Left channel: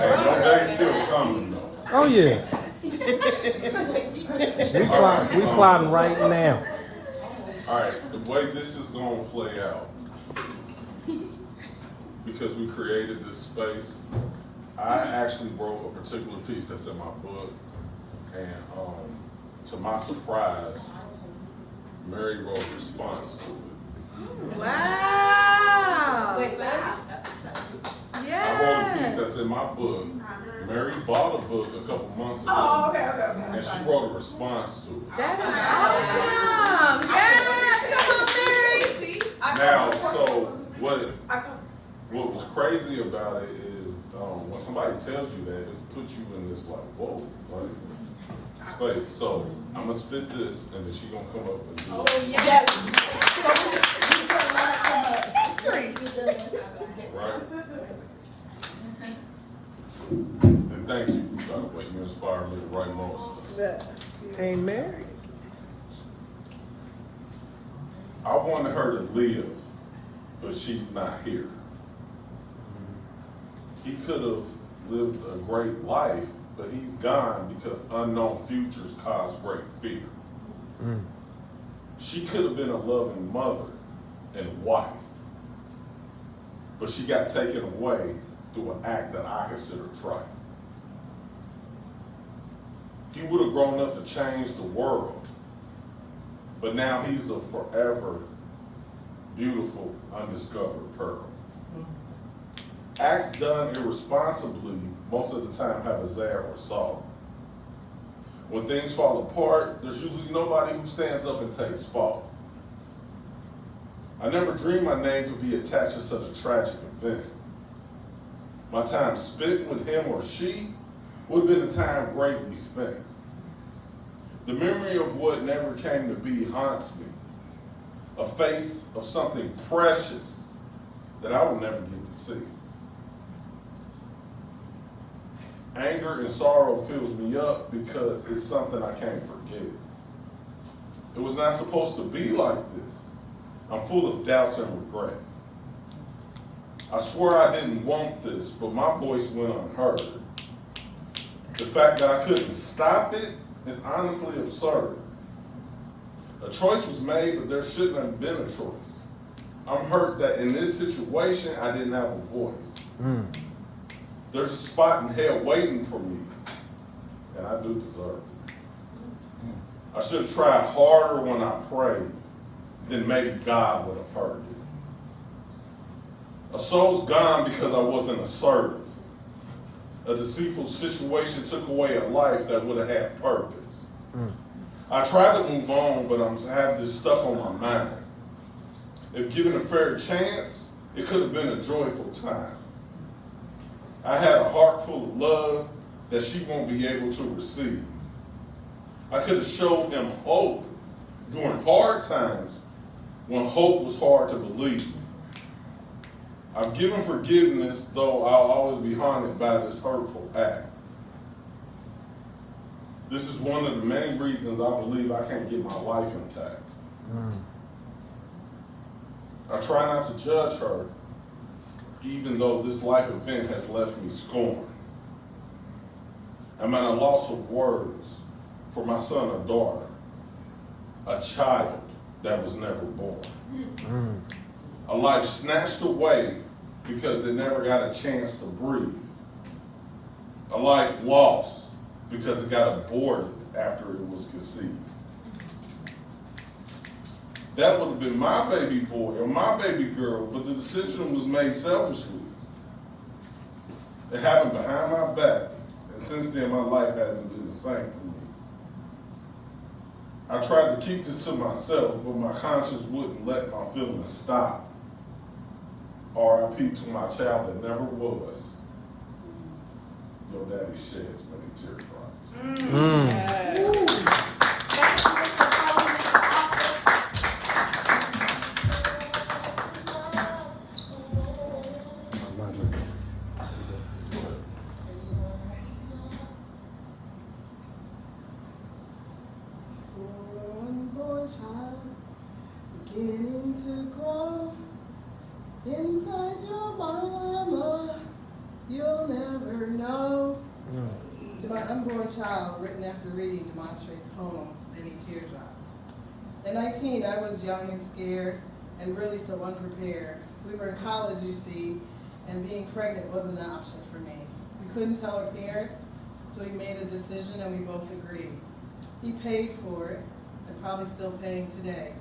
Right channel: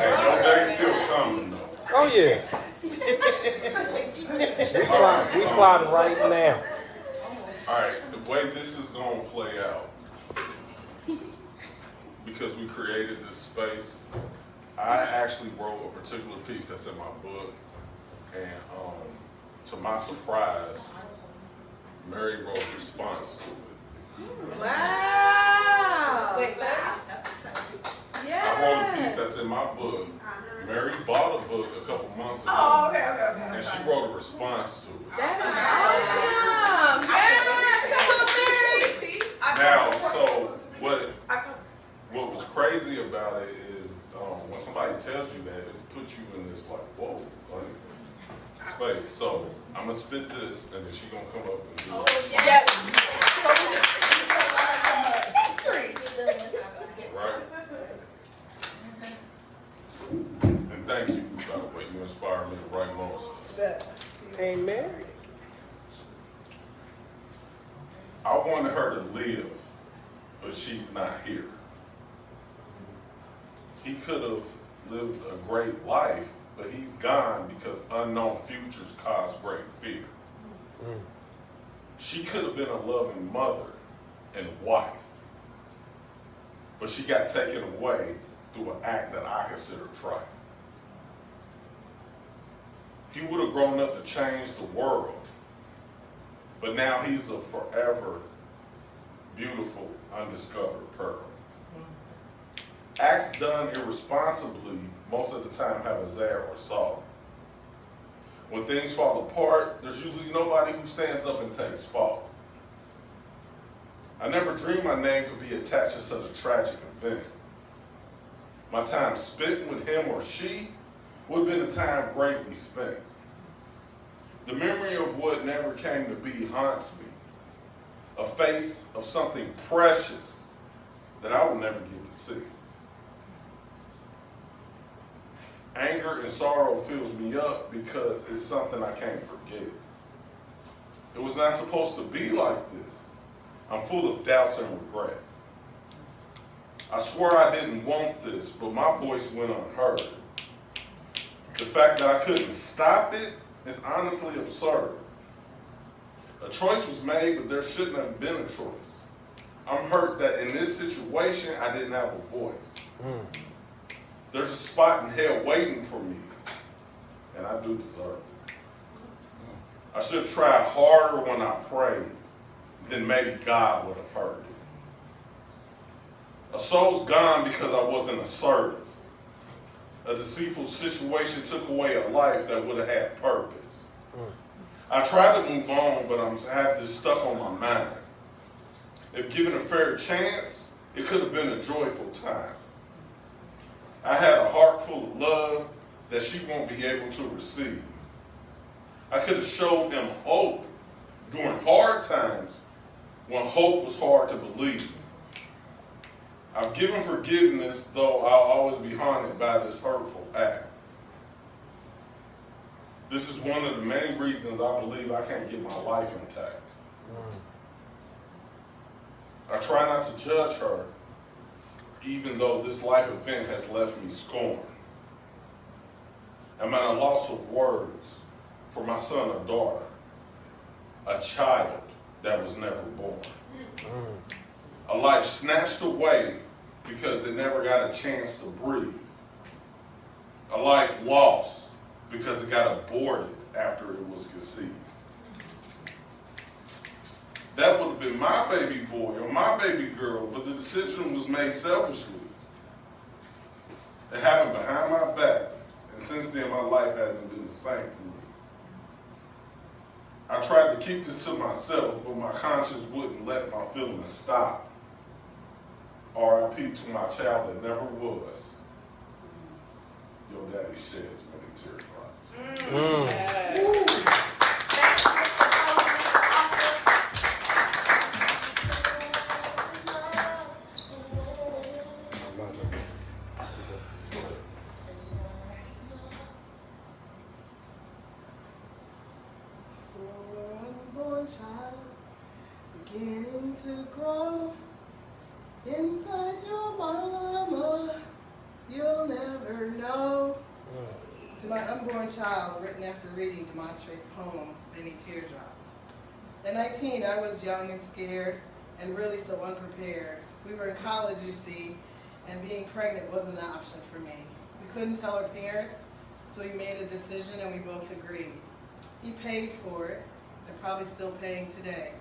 Your day's still coming though. Oh yeah. We plotting right now. Alright, the way this is gonna play out, because we created this space, I actually wrote a particular piece that's in my book, and to my surprise, Mary wrote a response to it. Wow! I wrote a piece that's in my book. Mary bought a book a couple months ago. Oh, okay. And she wrote a response to it. That is awesome! Yes! Come on, Mary! Now, so what was crazy about it is when somebody tells you that, it puts you in this like, whoa, like space. So I'm gonna spit this, and then she's gonna come up and do it. Yes! Right? And thank you, by the way. You inspired me to write more stuff. Amen. I wanted her to live, but she's not here. He could have lived a great life, but he's gone because unknown futures cause great fear. She could have been a loving mother and wife, but she got taken away through an act that I consider trifling. He would have grown up to change the world, but now he's a forever beautiful, undiscovered pearl. Acts done irresponsibly most of the time have a sad result. When things fall apart, there's usually nobody who stands up and takes fault. I never dreamed my name would be attached to such a tragic event. My time spent with him or she would have been a time greatly spent. The memory of what never came to be haunts me. A face of something precious that I will never get to see. Anger and sorrow fills me up because it's something I can't forget. It was not supposed to be like this. I'm full of doubts and regret. I swear I didn't want this, but my voice went unheard. The fact that I couldn't stop it is honestly absurd. A choice was made, but there shouldn't have been a choice. I'm hurt that in this situation, I didn't have a voice. There's a spot in hell waiting for me, and I do deserve it. I should have tried harder when I prayed, then maybe God would have heard me. A soul's gone because I wasn't assertive. A deceitful situation took away a life that would have had purpose. I tried to move on, but I have this stuck on my mind. If given a fair chance, it could have been a joyful time. I had a heart full of love that she won't be able to receive. I could have showed him hope during hard times when hope was hard to believe. I've given forgiveness, though I'll always be haunted by this hurtful act. This is one of the many reasons I believe I can't get my life intact. I try not to judge her, even though this life event has left me scorned. I'm at a loss of words for my son or daughter, a child that was never born. A life snatched away because it never got a chance to breathe. A life lost because it got aborted after it was conceived. That would have been my baby boy or my baby girl, but the decision was made selfishly. It happened behind my back, and since then my life hasn't been the same for me. I tried to keep this to myself, but my conscience wouldn't let my feelings stop. R.I.P. to my child that never was. Your daddy sheds many teardrops. Unborn child, beginning to grow inside your mama, you'll never know. To my unborn child, written after reading Demontre's poem, Many Teardrops. At 19, I was young and scared, and really so unprepared. We were in college, you see, and being pregnant wasn't an option for me. We couldn't tell our parents, so we made a decision and we both agreed. He paid for it, and probably still paying today,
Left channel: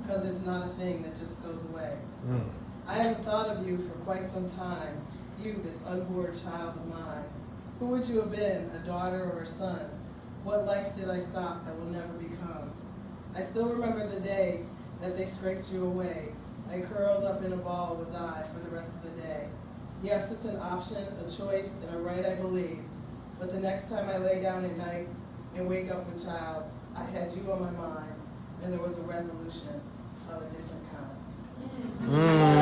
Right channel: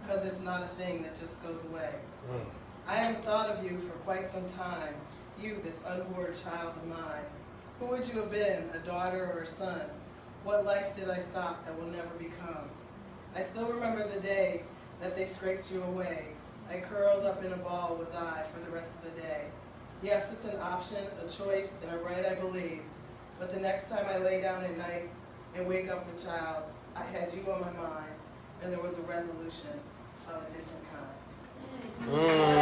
because it's not a thing that just goes away. I haven't thought of you for quite some time, you, this unborn child of mine. Who would you have been, a daughter or a son? What life did I stop that will never become? I still remember the day that they scraped you away. I curled up in a ball was I for the rest of the day. Yes, it's an option, a choice, and a right, I believe. But the next time I lay down at night and wake up with child, I had you on my mind, and there was a resolution of a different kind.